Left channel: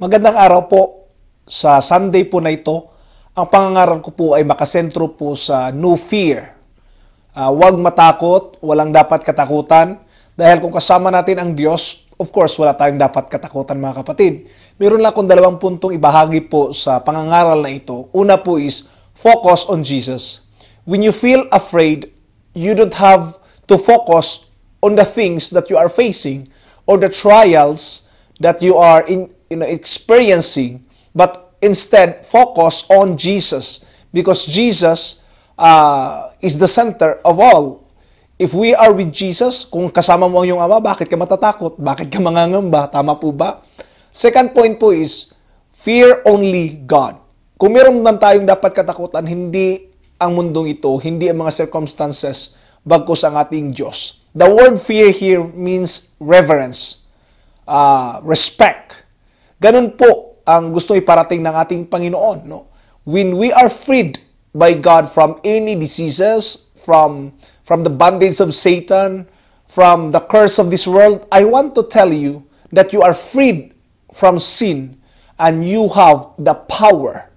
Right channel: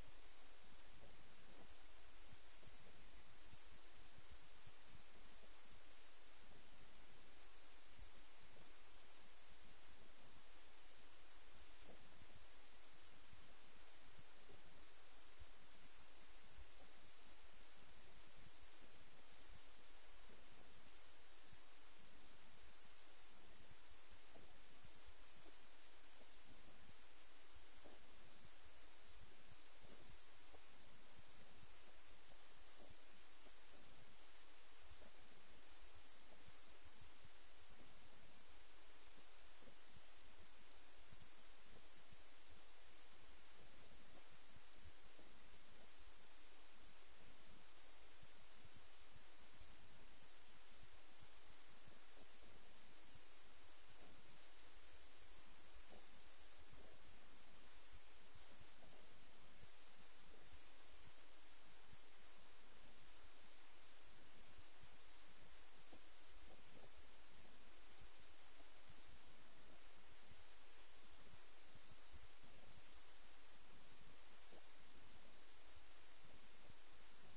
Magandang araw po. Sa Sunday po na ito, ang pangangaral ko po ay makasentro po sa no fear. Huwag matakot, walang dapat katakutan. Dahil kung kasama natin ang Diyos, of course, wala tayong dapat katakutan mga kapatid. Meron lang akong 2 puntong ibahagi po sa pangangaral na ito. Una po is, focus on Jesus. When you feel afraid, you don't have to focus on the things that you are facing or the trials that you are experiencing, but instead focus on Jesus, because Jesus is the center of all. If we are with Jesus, kung kasama mo ang iyong Ama, bakit ka matatakot? Bakit ka mangangamba? Tama po ba? Second point po is, fear only God. Kung meron man tayong dapat katakutan, hindi ang mundong ito, hindi ang mga circumstances, bagkus ang ating Diyos. The word fear here means reverence, respect. Ganun po ang gusto iparating ng ating Panginoon. No? When we are freed by God from any diseases, from the bondage of Satan, from the curse of this world, I want to tell you that you are freed from sin and you have the power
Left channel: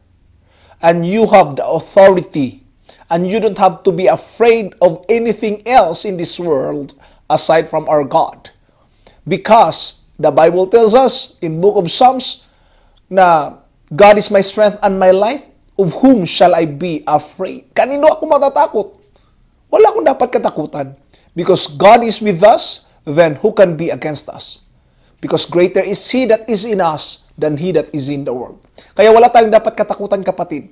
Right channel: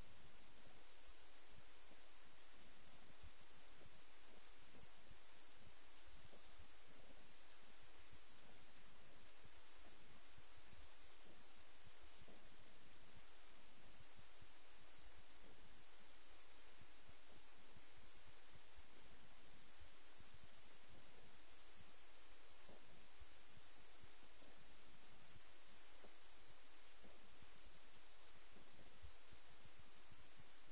and you have the authority. And you don't have to be afraid of anything else in this world aside from our God. Because the Bible tells us in book of Psalms na God is my strength and my life, of whom shall I be afraid? Kanino ako matatakot? Wala akong dapat katakutan. Because God is with us, then who can be against us? Because greater is He that is in us than he that is in the world. Kaya wala tayong dapat katakutan, kapatid.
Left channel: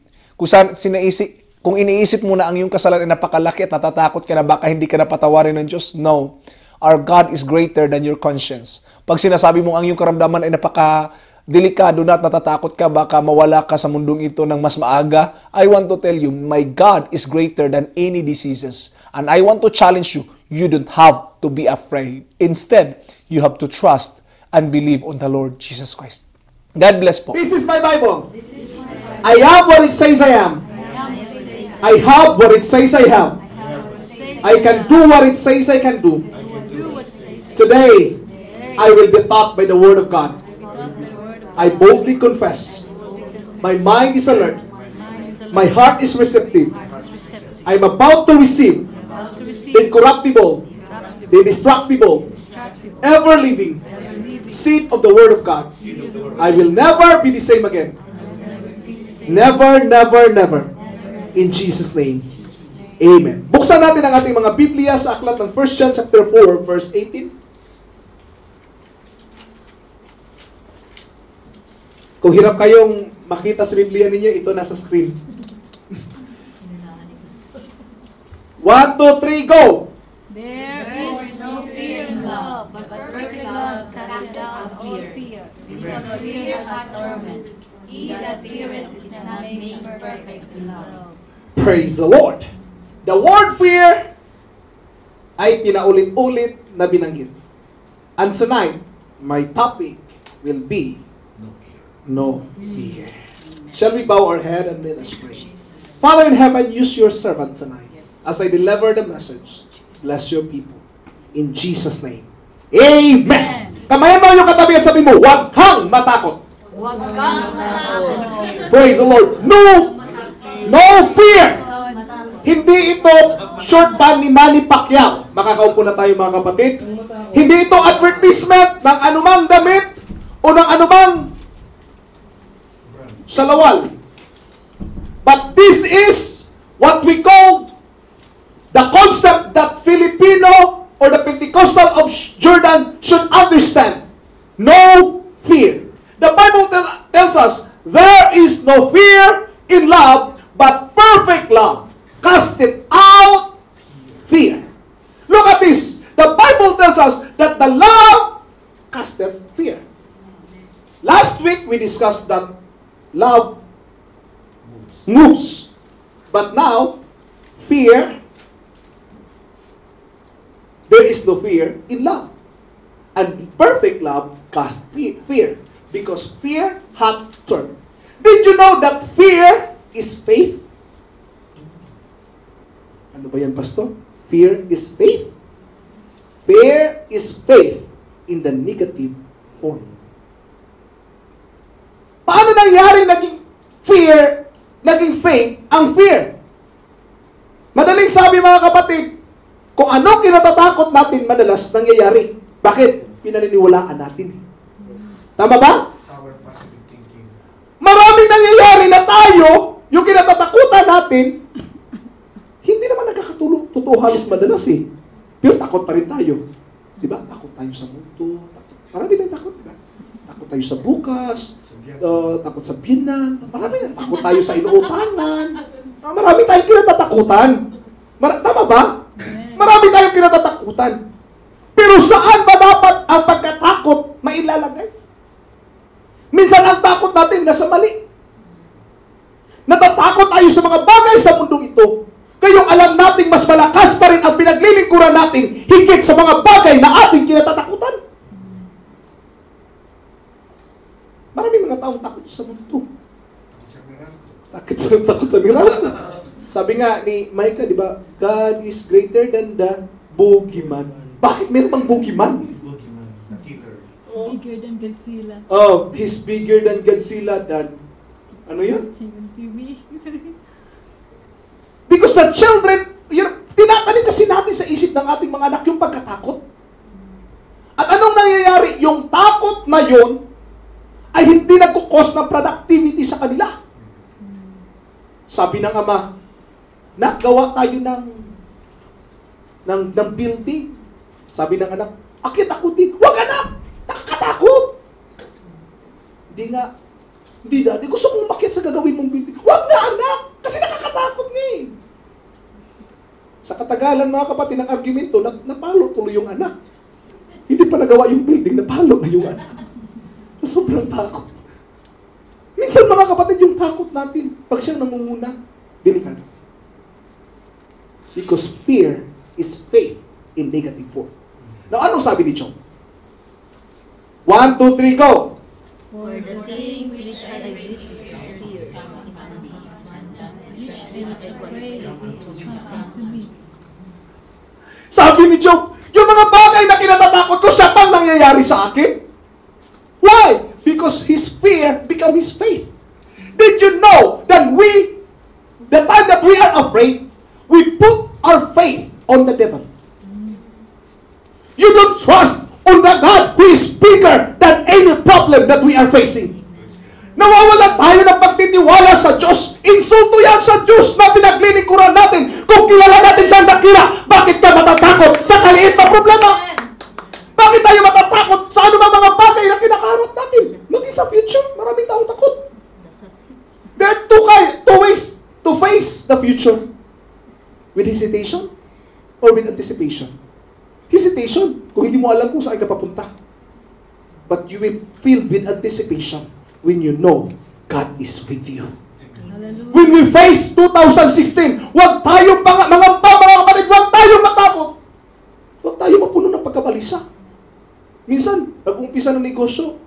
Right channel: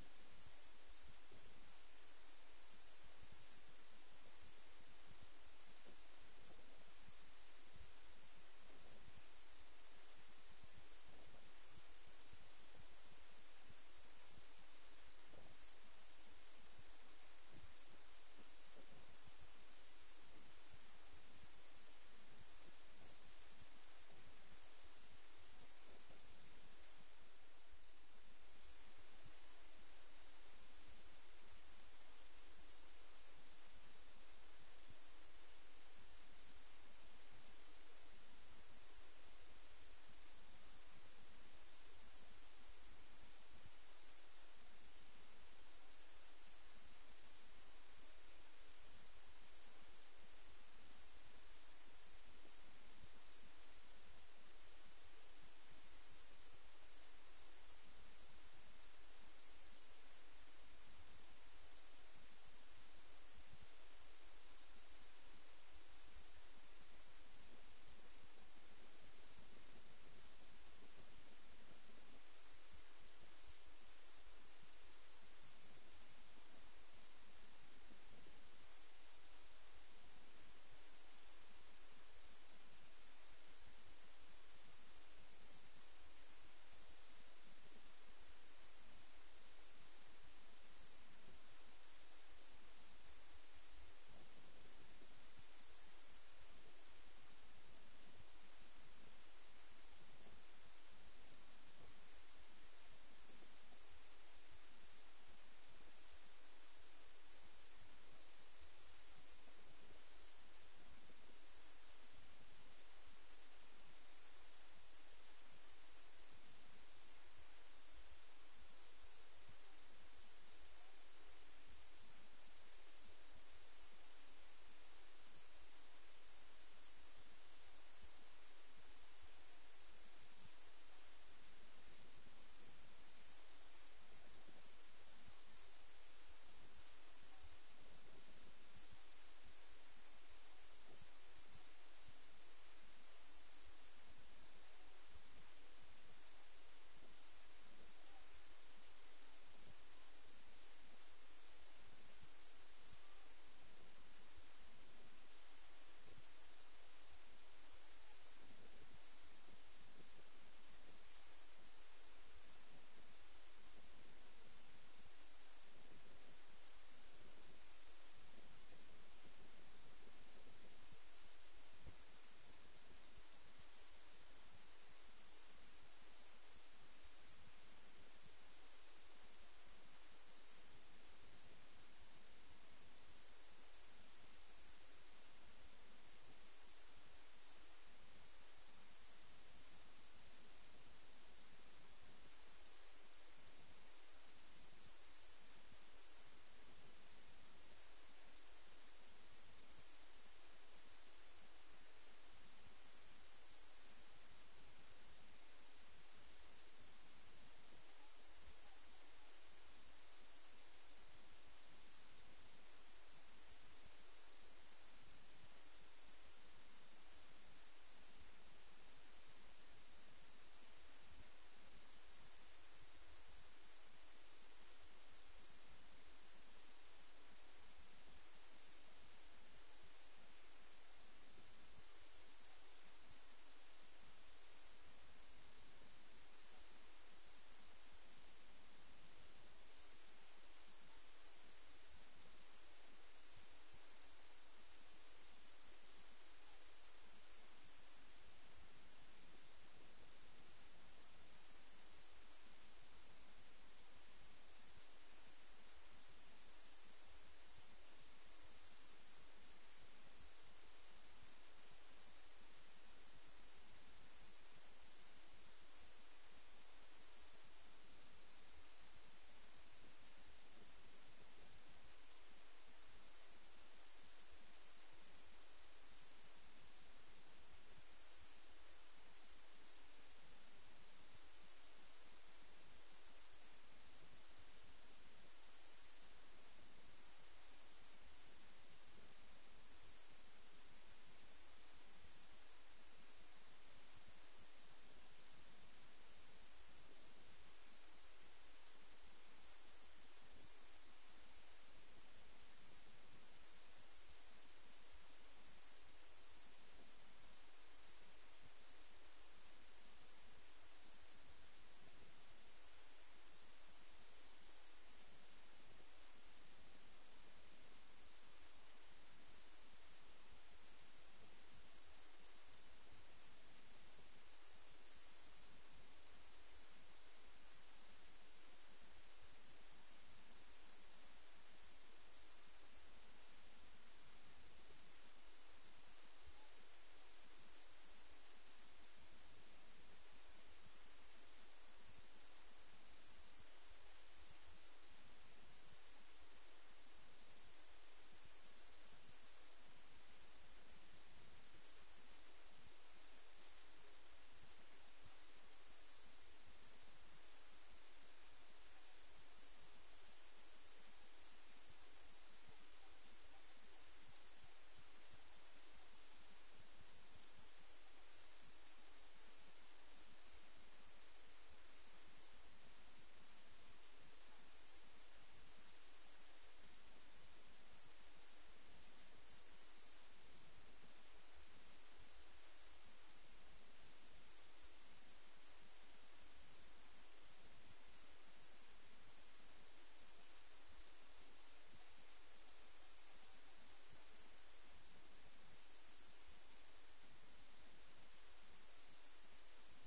Kung iniisip mo na ang iyong kasalanan ay napakalaki at natatakot ka na baka hindi ka napatawarin ng Diyos, no. Our God is greater than your conscience. Pag sinasabi mo ang iyong karamdaman ay napaka-delikado na at natatakot ka, baka mawala ka sa mundong ito ng mas maaga, I want to tell you, my God is greater than any diseases. And I want to challenge you, you don't have to be afraid. Instead, you have to trust and believe on the Lord Jesus Christ. God bless po. This is my Bible. I have what it says I am. I have what it says I have. I can do what it says I can do. Today, I will be taught by the Word of God. I boldly confess. My mind is alert. My heart is receptive. I'm about to receive the incorruptible, the indestructible, ever-living seed of the Word of God. I will never be the same again. Never, never, never. In Jesus' name, Amen. Buksan natin ang ating mga Biblia sa aklat ng 1 John chapter 4, verse 18. Kung hirap kayong makita sa Biblia ninyo, ito nasa screen. 1, 2, 3, go! There is no fear in love, but perfect love casts out all fear, because fear hath torment. He that feareth is not made perfect in love. Praise the Lord! The word fear ay pinaulit-ulit na binanggit. And tonight, my topic will be no fear. Shall we bow our head and let us pray? Father in heaven, use your servant tonight as I deliver the message. Bless your people. In Jesus' name. Amen! Kamayan mo yung katabi at sabi mo, huwag kang matakot. Huwag kang matakot. Praise the Lord. No fear. Hindi ito short band ni Manny Pacquiao. Makakaupo na tayo mga kapatid. Hindi ito advertisement ng anumang damit o ng anumang salawal. But this is what we call the concept that Filipino or the Pentecostal of Jordan should understand. No fear. The Bible tells us, there is no fear in love, but perfect love casteth out fear. Look at this. The Bible tells us that the love casteth fear. Last week we discussed that love moves. But now, fear, there is no fear in love. And perfect love casts fear. Because fear hath torment. Did you know that fear is faith? Ano ba yan, Pastor? Fear is faith? Fear is faith in the negative form. nangyari naging fear, naging faith, ang fear? Madaling sabi mga kapatid, kung ano kinatatakot natin madalas nangyayari. Bakit? Pinaniniwalaan natin. Tama ba? Our positive thinking. Maraming nangyayari na tayo, yung kinatatakutan natin, hindi naman totoo halos madalas eh. Pero takot pa rin tayo. Di ba? Takot tayo sa mundo. Marami tayong takot, di ba? Takot tayo sa bukas. Takot sa binan. Marami na. Takot tayo sa inuutangan. Marami tayong kinatatakutan. Tama ba? Marami tayong kinatatakutan. Pero saan ba dapat ang pagkatakot mailalagay? Minsan ang takot natin nasa mali. Natatakot tayo sa mga bagay sa mundong ito. Kayong alam nating mas malakas pa rin ang pinaglilingkuran natin higit sa mga bagay na ating kinatatakutan. Maraming mga taong takot sa mundo. Takot sa miracle. Sabi nga ni Micah, di ba? God is greater than the boogeyman. Bakit meron bang boogeyman? Bigger than Godzilla. Oh, he's bigger than Godzilla than... Ano yun? TV. Because the children, tinatanim kasi natin sa isip ng ating mga anak yung pagkatakot. At anong nangyayari? Yung takot na yun ay hindi nagkukos ng productivity sa kanila. Sabi ng ama, nagawa tayo ng building. Sabi ng anak, akit ako din. Huwag anak! Nakakatakot! Hindi daddy. Gusto kong umakyat sa gagawin mong building. Huwag na anak! Kasi nakakatakot nga eh. Sa katagalan mga kapatid ng argumento, napalo tuloy yung anak. Hindi pa nagawa yung building, napalo na yung anak. Sa sobrang takot. Minsan mga kapatid, yung takot natin, pag siyang namumuna, delikado. Because fear is faith in negative form. Now, anong sabi ni Job? 1, 2, 3, go! For the things which I agree to fear is Sabi ni Job, yung mga bagay na kinatatakot ko, siya pang nangyayari sa akin. Why? Because his fear become his faith. Did you know that the time that we are afraid, we put our faith on the devil. You don't trust on the God who is bigger than any problem that we are facing. Nawawala tayo ng pagtitiwala sa Diyos. Insulto yan sa Diyos na pinaglilingkuran natin. Kung kilala natin siyang dakila, bakit ka matatakot sa kaliit na problema? Bakit tayo matatakot sa anumang mga bagay na kinakaharap natin? Maging sa future, maraming taong takot. There are two ways to face the future. With hesitation or with anticipation. Hesitation, kung hindi mo alam kung saan ka papunta. But you will feel with anticipation when you know God is with you. Hallelujah. When we face 2016, huwag tayong mangamba, mga kapatid, huwag tayong matakot. Huwag tayong mapuno ng pagkabalisa. Minsan, nag-umpisa ng negosyo,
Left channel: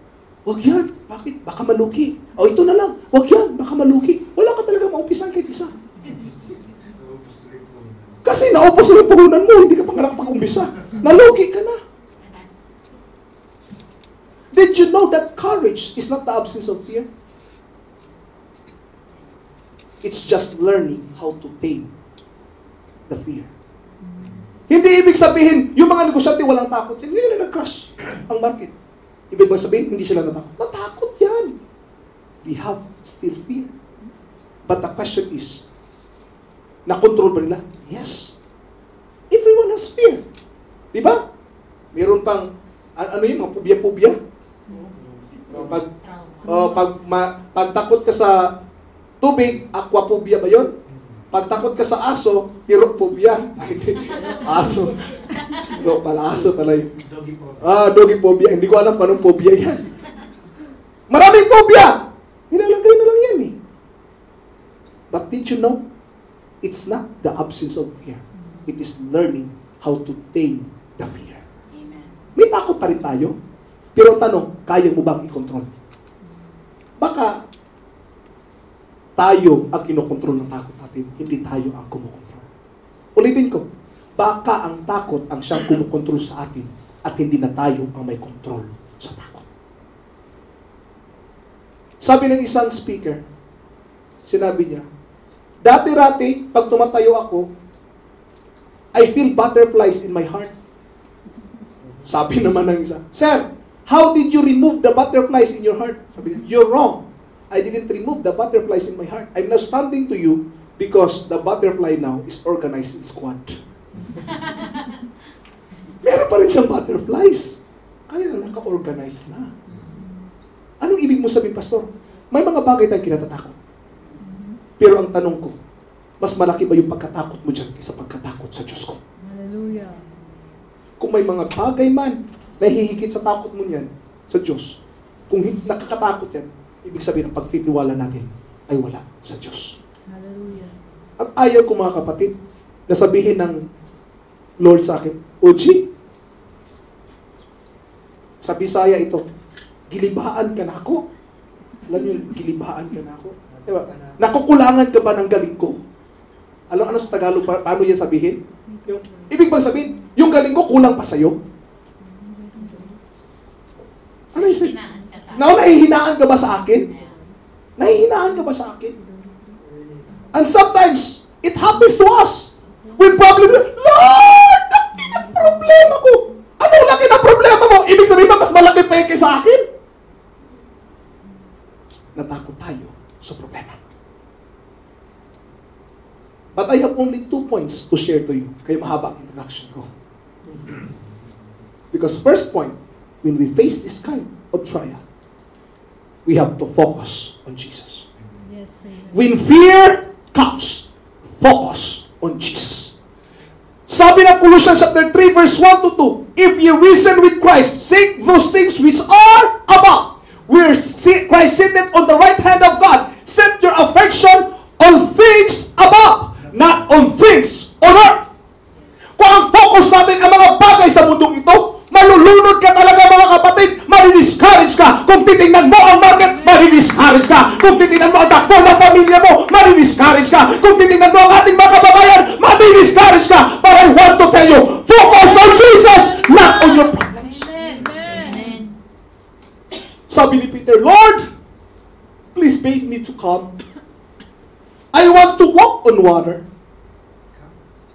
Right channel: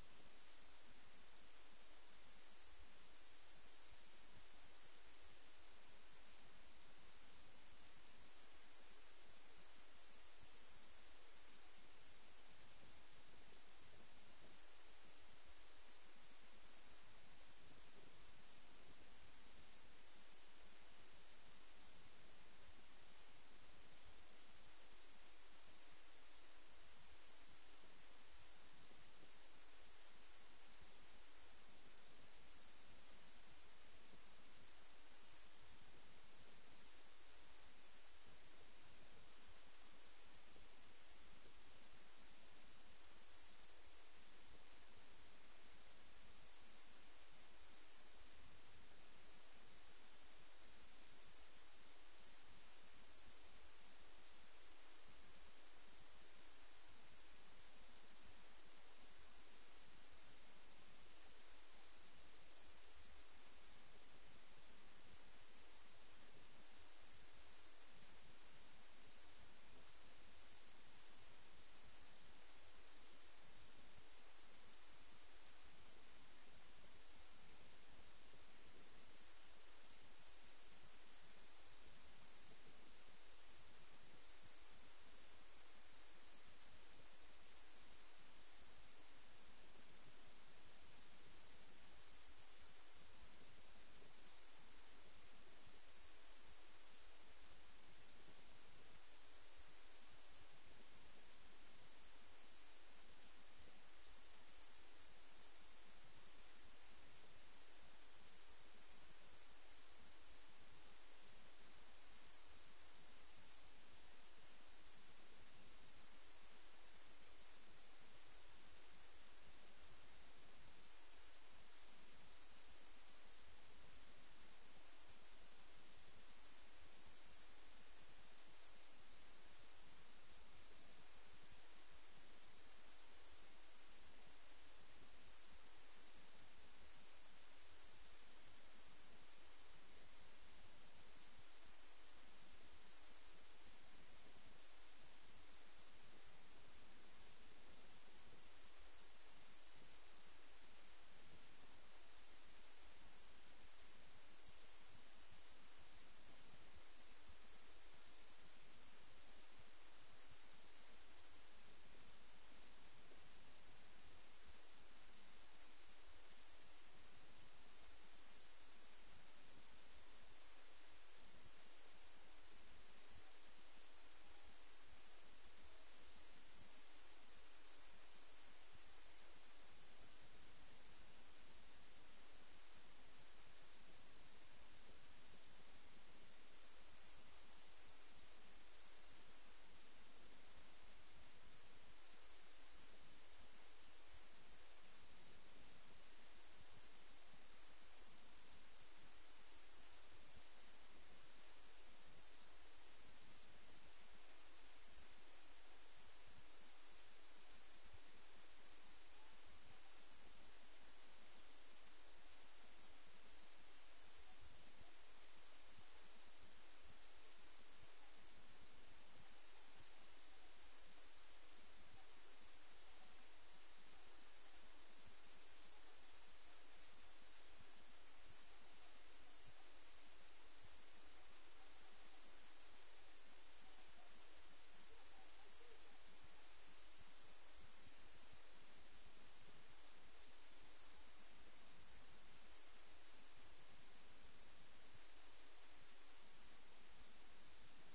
huwag yan, bakit? Baka malugi. O ito na lang, huwag yan, baka malugi. Wala ka talaga maumpisan kahit isa. Kasi naubos na yung puhunan mo, hindi ka pa nga nakapag-umpisa. Nalugi ka na. Did you know that courage is not the absence of fear? It's just learning how to tame the fear. Hindi ibig sabihin, yung mga negosyante walang takot. Yan, ngayon na nag-crash ang market. Ibig sabihin, hindi sila natakot. Natakot yan. They have still fear. But the question is, na-control ba nila? Yes. Everyone has fear. Di ba? Meron pang, ano yun, mga phobia-phobia? Pag takot ka sa tubig, aquaphobia ba yun? Pag takot ka sa aso, pirophobia. Ay, aso. No, aso pala yun. Doggy phobia. Hindi ko alam kung anong phobia yan. Maraming phobia! Nilalagay na lang yan eh. But did you know? It's not the absence of fear. It is learning how to tame the fear. Amen. May takot pa rin tayo. Pero tanong, kaya mo bang i-control? Baka tayo ang kinokontrol ng takot natin, hindi tayo ang kumukontrol. Ulitin ko, baka ang takot ang siyang kumukontrol sa atin at hindi na tayo ang may kontrol sa takot. Sabi ng isang speaker, sinabi niya, dati-rati, pag tumatayo ako, I feel butterflies in my heart. Sabi naman ng isa, Sir, how did you remove the butterflies in your heart? Sabi niya, you're wrong. I didn't remove the butterflies in my heart. I'm now standing to you because the butterfly now is organized in squad. Meron pa rin siyang butterflies. Kaya na naka-organize na. Anong ibig mo sabihin, Pastor? May mga bagay tayong kinatatakot. Pero ang tanong ko, mas malaki ba yung pagkatakot mo dyan kaysa pagkatakot sa Diyos ko? Hallelujah. Kung may mga bagay man na hihigit sa takot mo niyan sa Diyos, kung nakakatakot yan, ibig sabihin ang pagtitiwala natin ay wala sa Diyos. Hallelujah. At ayaw ko mga kapatid na sabihin ng Lord sa akin, Oji, sa Bisaya ito, gilibaan ka na ako. Alam niyo, gilibaan ka na ako. Diba? Nakukulangan ka ba ng galing ko? Alam ano sa Tagalog, paano yan sabihin? Ibig bang sabihin, yung galing ko kulang pa sa'yo? Ano yung sabihin? Nahihinaan ka ba sa akin? Nahihinaan ka ba sa akin? And sometimes, it happens to us. When problem, Lord, laki ng problema ko. Anong laki ng problema mo? Ibig sabihin ba, mas malaki pa yung sa akin? Natakot tayo sa problema. But I have only 2 points to share to you. Kaya mahaba ang introduction ko. Because first point, when we face this kind of trial, we have to focus on Jesus. Yes, amen. When fear comes, focus on Jesus. Sabi ng Colossians chapter 3 verse 1 to 2, if ye risen with Christ, seek those things which are above, where Christ sitteth on the right hand of God. Set your affection on things above, not on things on earth. Kung ang focus natin ang mga bagay sa mundong ito, malulunod ka talaga mga kapatid, madi-discourage ka. Kung titingnan mo ang market, madi-discourage ka. Kung titingnan mo ang takbo ng pamilya mo, madi-discourage ka. Kung titingnan mo ang ating mga kababayan, madi-discourage ka. But I want to tell you, focus on Jesus, not on your problems. Amen. Sabi ni Peter, Lord, please make me to come. I want to walk on water.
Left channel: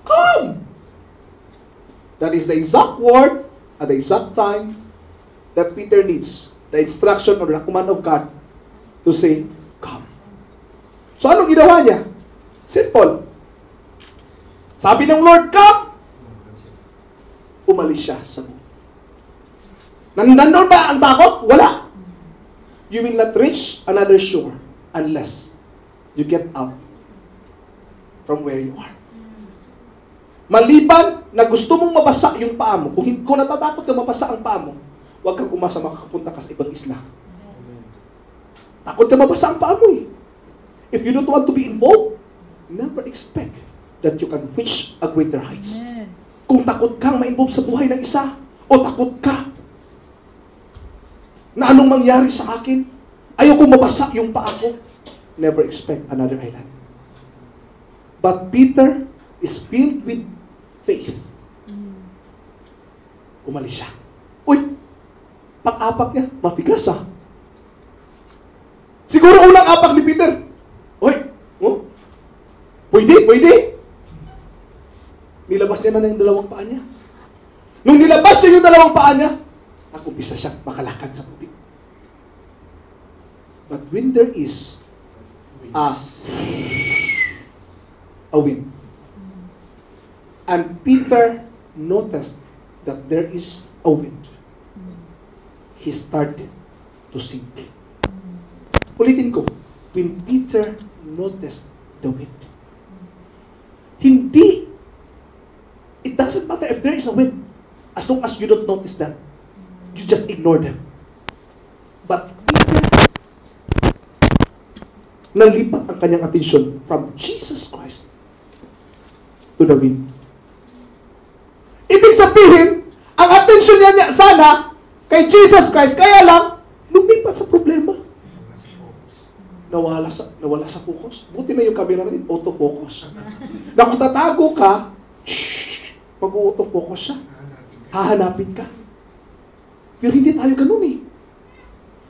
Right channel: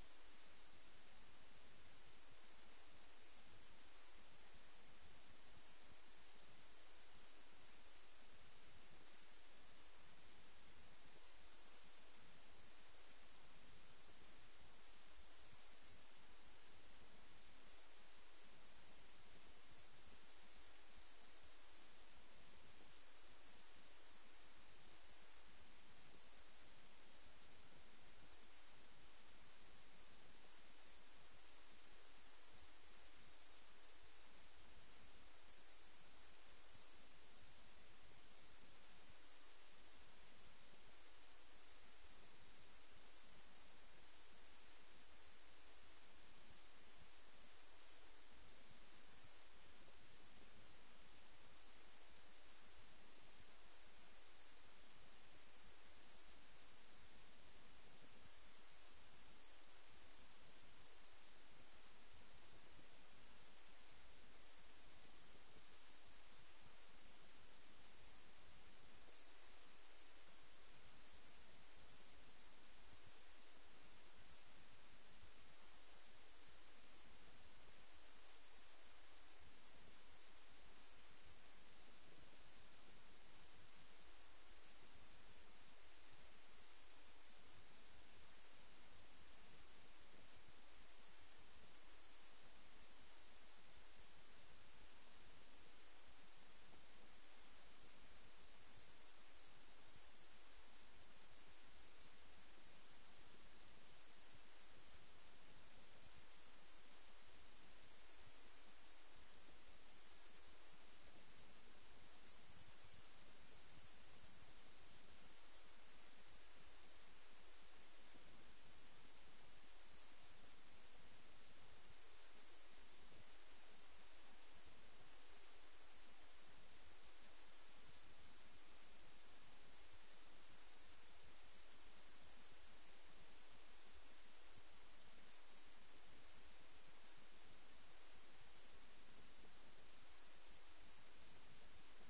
Come. That is the exact word at the exact time that Peter needs the instruction or the command of God to say, come. So anong ginawa niya? Simple. Sabi ng Lord, come. Umalis siya sa buhay. Nandun ba ang takot? Wala. You will not reach another shore unless you get out from where you are. Maliban na gusto mong mabasa yung paa mo, kung natatakot ka mabasa ang paa mo, huwag kang umasa makakapunta ka sa ibang isla. Takot ka mabasa ang paa mo eh. If you don't want to be involved, never expect that you can reach a greater heights. Amen. Kung takot kang ma-involve sa buhay ng isa, o takot ka na anong mangyari sa akin, ayoko mabasa yung paa ko, never expect another island. But Peter is filled with faith. Umalis siya. Uy, pag-apak niya, matigas ah. Siguro unang apak ni Peter. Uy, oh, pwede. Nilabas niya na yung dalawang paa niya. Nung nilabas niya yung dalawang paa niya, nakumpisa siya makalakad sa tubig. But when there is a wind, and Peter noticed that there is a wind, he started to sink. Ulitin ko, when Peter noticed the wind, it doesn't matter if there is a wind, as long as you don't notice them, you just ignore them. But Peter, nalipat ang kanyang attention from Jesus Christ to the wind. Ibig sabihin, ang attention niya sana kay Jesus Christ, kaya lang, lumipat sa problema. Nawala sa focus. Buti na yung camera natin, autofocus. Na kung tatago ka, mag-autofocus siya. Hahanapin ka. Pero hindi tayo ganun eh.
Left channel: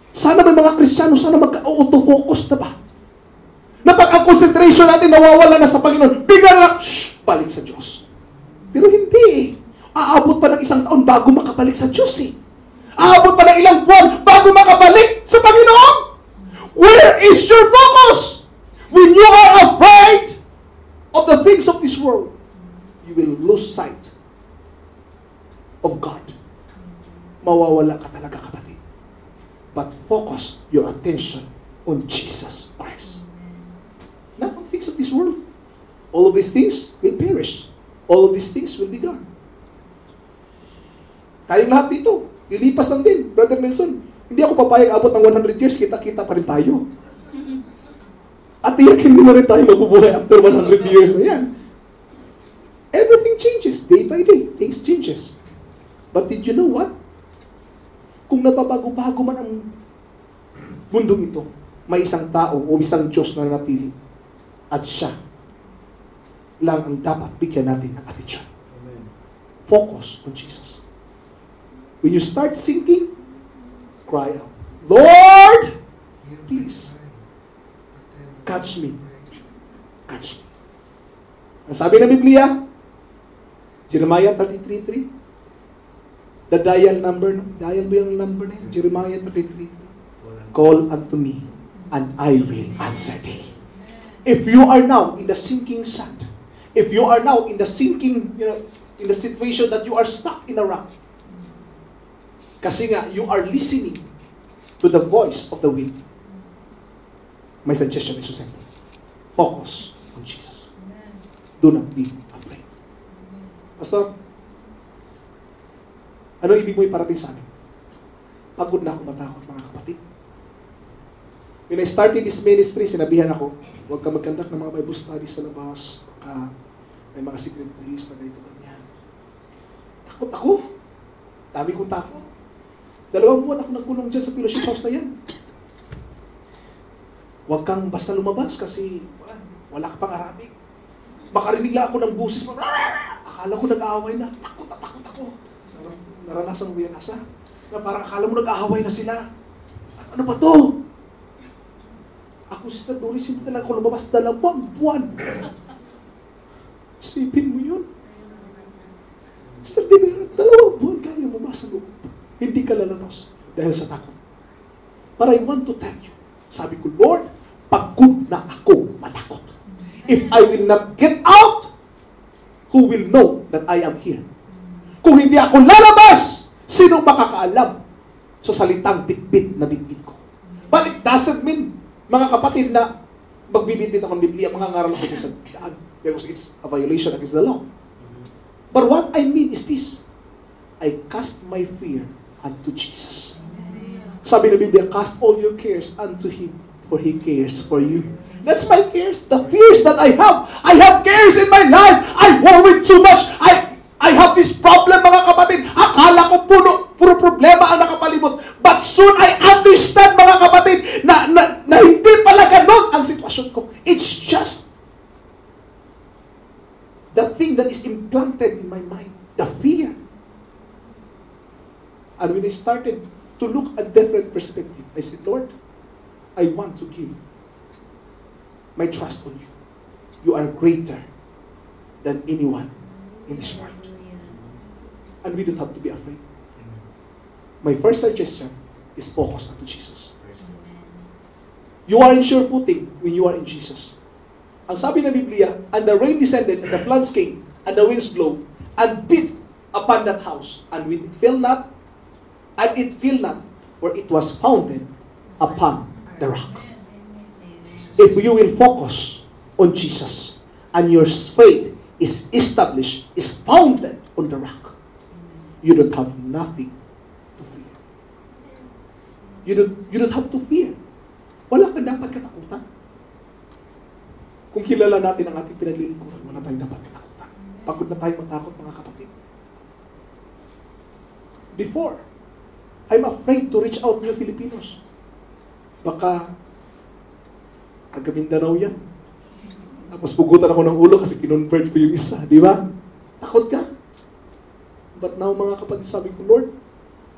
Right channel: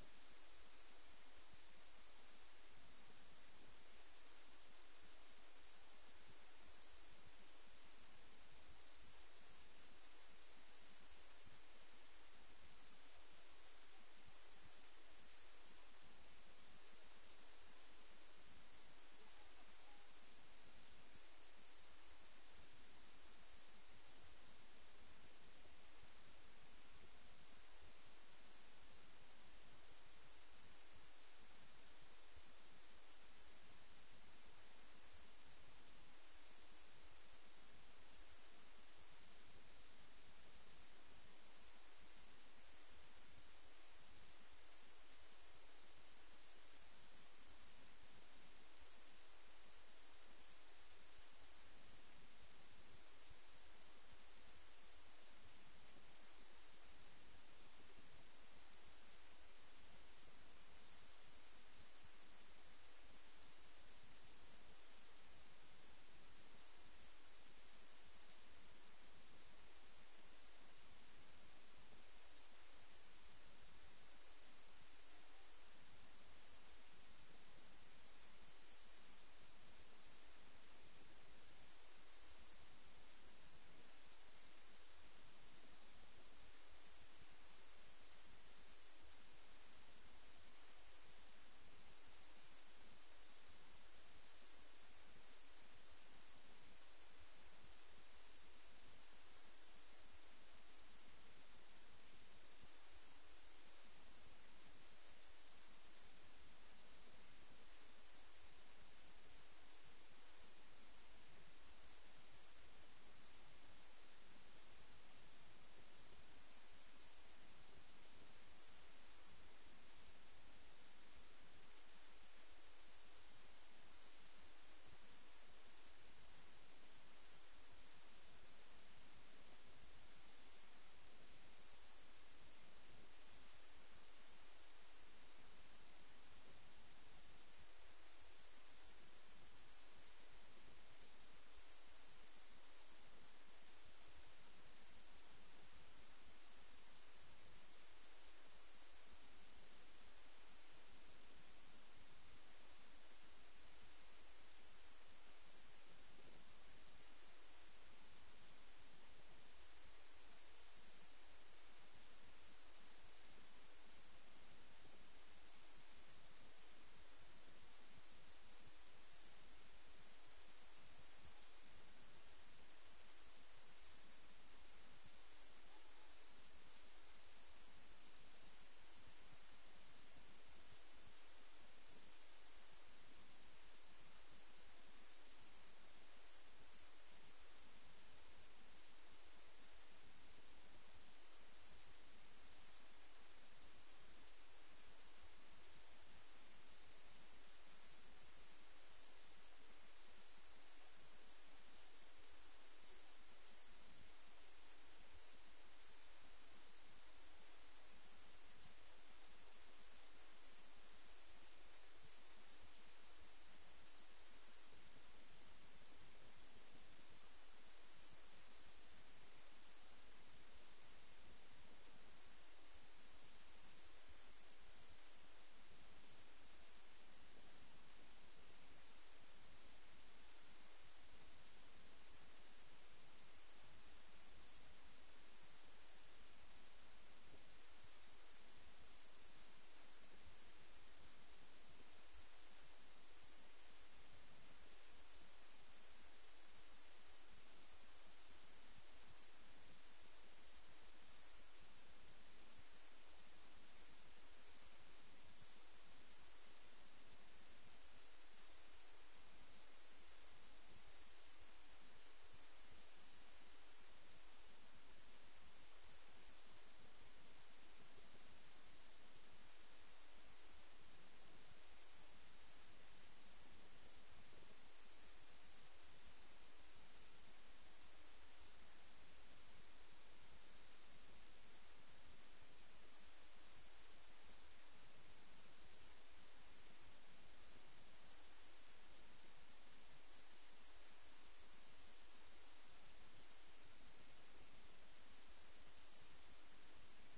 Sana may mga Kristiyano, sana mag-auto-focus na ba? Na pag ang concentration natin nawawala na sa Panginoon, bigla na lang, balik sa Diyos. Pero hindi eh. Aabot pa ng 1 taon bago makabalik sa Diyos eh. Aabot pa ng ilang buwan bago makabalik sa Panginoon. Where is your focus? When you are afraid of the things of this world, you will lose sight of God. Mawawala ka talaga, kapatid. But focus your attention on Jesus Christ. Not on things of this world. All of these things will perish. All of these things will be gone. Tayong lahat dito, lilipas lang din. Brother Nelson, hindi ako papayag abot ng 100 years, kita-kita pa rin tayo. At tiyak hindi na rin tayo mabubuhay after 100 years na yan. Everything changes, day by day. Things changes. But did you know what? Kung nababago-bago man ang mundong ito, may isang tao o isang Diyos na nanatili. At siya lang ang dapat bigyan natin ng atensyon. Focus on Jesus. When you start sinking, cry out, Lord, please, catch me. Catch me. Ang sabi ng Biblia, Jeremiah 33:3, the dial mo yung number na yun, Jeremiah 33:3, call unto me, and I will answer thee. If you are now in the sinking sand, if you are now in the sinking, in the situation that you are stuck in a rock, kasi nga, you are listening to the voice of the wind. My suggestion is so simple. Focus on Jesus. Do not be afraid. Pastor, ano ibig mo iparating sa amin? Pagod na ako matakot, mga kapatid. When I started this ministry, sinabihan ako, huwag ka magkandak ng mga Bible studies sa labas. May mga secret police na ganito ganyan. Takot ako. Dami kong takot. 2 buwan ako nagkulong dyan sa fellowship house na yan. Huwag kang basta lumabas kasi wala ka pang Arabic. Makarinig lang ako ng busis. Akala ko nag-aaway na. Takot ako. Naranasan mo yan, asa? Na parang akala mo nag-aaway na sila. Ano ba to? Ako, Sister Doris, hindi talaga ako lumabas 2 buwan. Isipin mo yun. Sister Divera, 2 buwan kaya mo sa loob. Hindi ka lalabas dahil sa takot. But I want to tell you, sabi ko, Lord, pagod na ako matakot. If I will not get out, who will know that I am here? Kung hindi ako lalabas, sino makakaalam sa salitang bitbit na bitbit ko? But it doesn't mean, mga kapatid, na magbibitbit ako ng Biblia, mga ngaral ako sa daan, because it's a violation against the law. But what I mean is this, I cast my fear unto Jesus. Sabi ng Biblia, cast all your cares unto Him, for He cares for you. That's my cares, the fears that I have. I have cares in my life. I worry too much. I have this problem, mga kapatid. Akala ko puro problema ang nakapalibot. But soon I understand, mga kapatid, na hindi pala ganon ang sitwasyon ko. It's just the thing that is implanted in my mind, the fear. And when I started to look at different perspective, I said, Lord, I want to give my trust on you. You are greater than anyone in this world. And we don't have to be afraid. My first suggestion is focus on Jesus. You are in sure footing when you are in Jesus. Ang sabi ng Biblia, and the rain descended, and the floods came, and the winds blow, and beat upon that house, and it fell not, for it was founded upon the rock. If you will focus on Jesus, and your faith is established, is founded on the rock, you don't have nothing to fear. You don't have to fear. Wala kang dapat katakutan. Kung kilala natin ang ating pinaglilingkuran, wala tayong dapat katakutan. Pagod na tayo matakot, mga kapatid. Before, I'm afraid to reach out to Filipinos. Baka taga Mindanao yan. Tapos pugutan ako ng ulo kasi kinonvert ko yung isa. Di ba? Takot ka. But now, mga kapatid, sabi ko, Lord,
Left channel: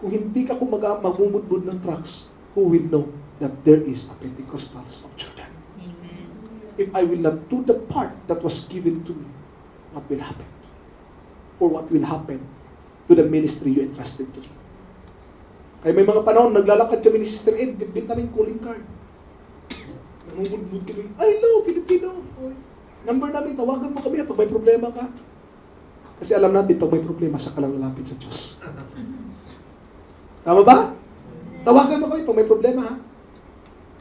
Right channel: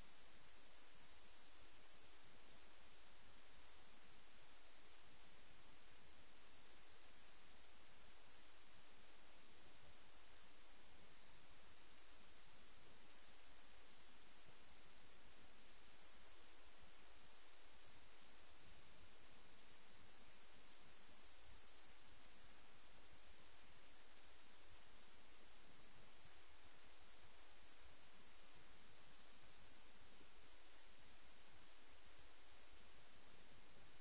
kung hindi ka magmumudmud ng trucks, who will know that there is a Pentecostals of Jordan. If I will not do the part that was given to me, what will happen? Or what will happen to the ministry you entrusted to me? Kaya may mga panahon, naglalakad kami ni Sister Ed, bit namin calling card. Namumudmud kami, I love Filipino. Number namin, tawagan mo kami pag may problema ka. Kasi alam natin, pag may problema, siya ka lang lalapit sa Diyos. Tama ba? Tawagan mo kami pag may problema, ha?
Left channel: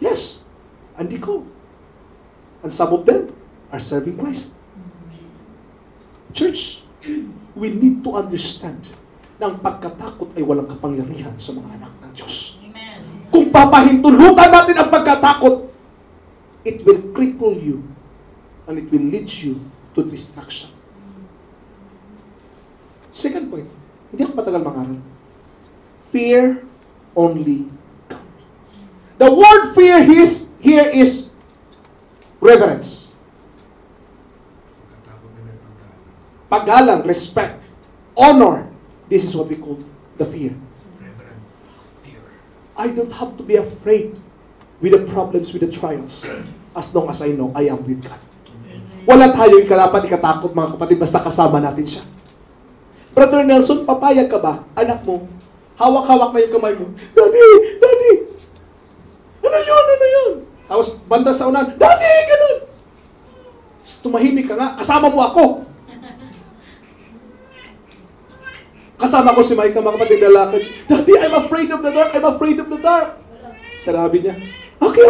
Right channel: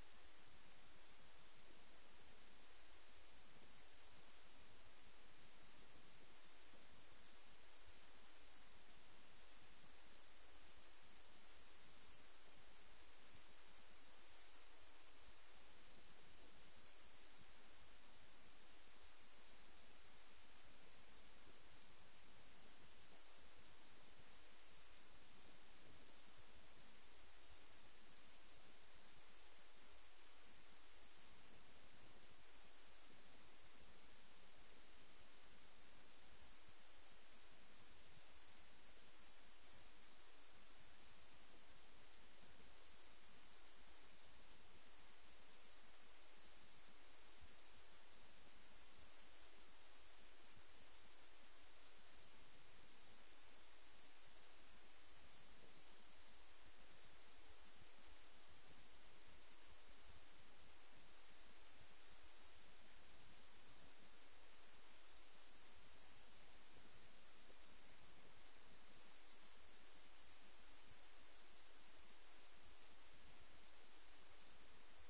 Yes. Andi ko. And some of them are serving Christ. Church, we need to understand na ang pagkatakot ay walang kapangyarihan sa mga anak ng Diyos. Amen. Kung papahintulutan natin ang pagkatakot, it will cripple you and it will lead you to destruction. Second point, hindi ako matagal mangaral. Fear only God. The word fear here is reverence. Paggalang, respect, honor. This is what we call the fear. I don't have to be afraid with the problems, with the trials, as long as I know I am with God. Wala tayong dapat ikatakot, mga kapatid, basta kasama natin siya. Brother Nelson, papayag ka ba? Anak mo, hawak-hawak na yung kamay mo. Daddy! Daddy! Ano yun? Ano yun? Tapos banda sa unan, Daddy! Ganun! Tumahimik ka nga, kasama mo ako. Kasama ko si Micah, mga kapatid na lakad. Daddy, I'm afraid of the dark. I'm afraid of the dark. Sabi niya, okay.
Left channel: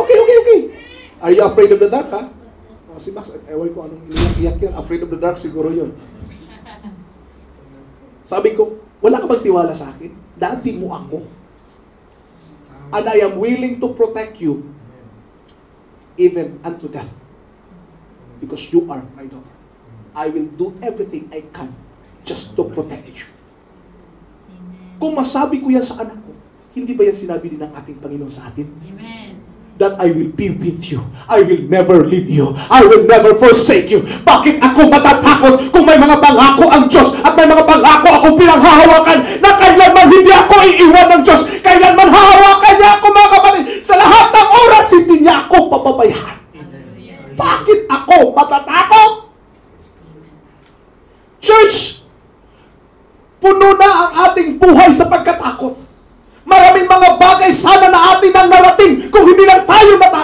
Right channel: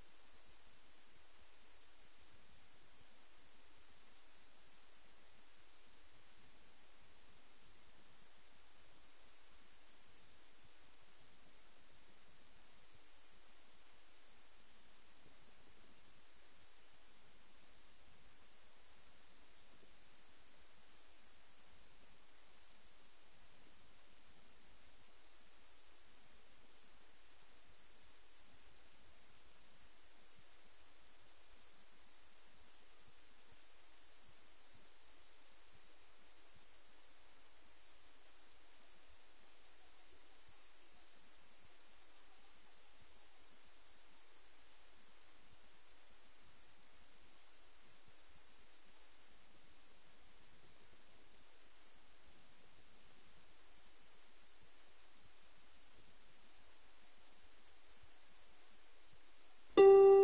Are you afraid of the dark, ha? Si Max, ewan ko anong iniyak yun. Afraid of the dark, siguro yun. Sabi ko, wala ka bang tiwala sa akin? Daddy mo ako. And I am willing to protect you even unto death. Because you are my daughter. I will do everything I can just to protect you. Kung masabi ko yan sa anak ko, hindi ba yan sinabi din ng ating Panginoon sa atin? Amen. That I will be with you. I will never leave you. I will never forsake you. Bakit ako matatakot kung may mga pangako ang Diyos at may mga pangako akong pinanghahawakan na kailanman hindi ako iiwan ng Diyos. Kailanman hahawakan niya ako, mga kapatid. Sa lahat ng oras, hindi niya ako papabayaan. Bakit ako matatakot? Church, puno na ang ating buhay sa pagkatakot. Maraming mga bagay sana na atin ang narating kung hindi lang tayo matatakot.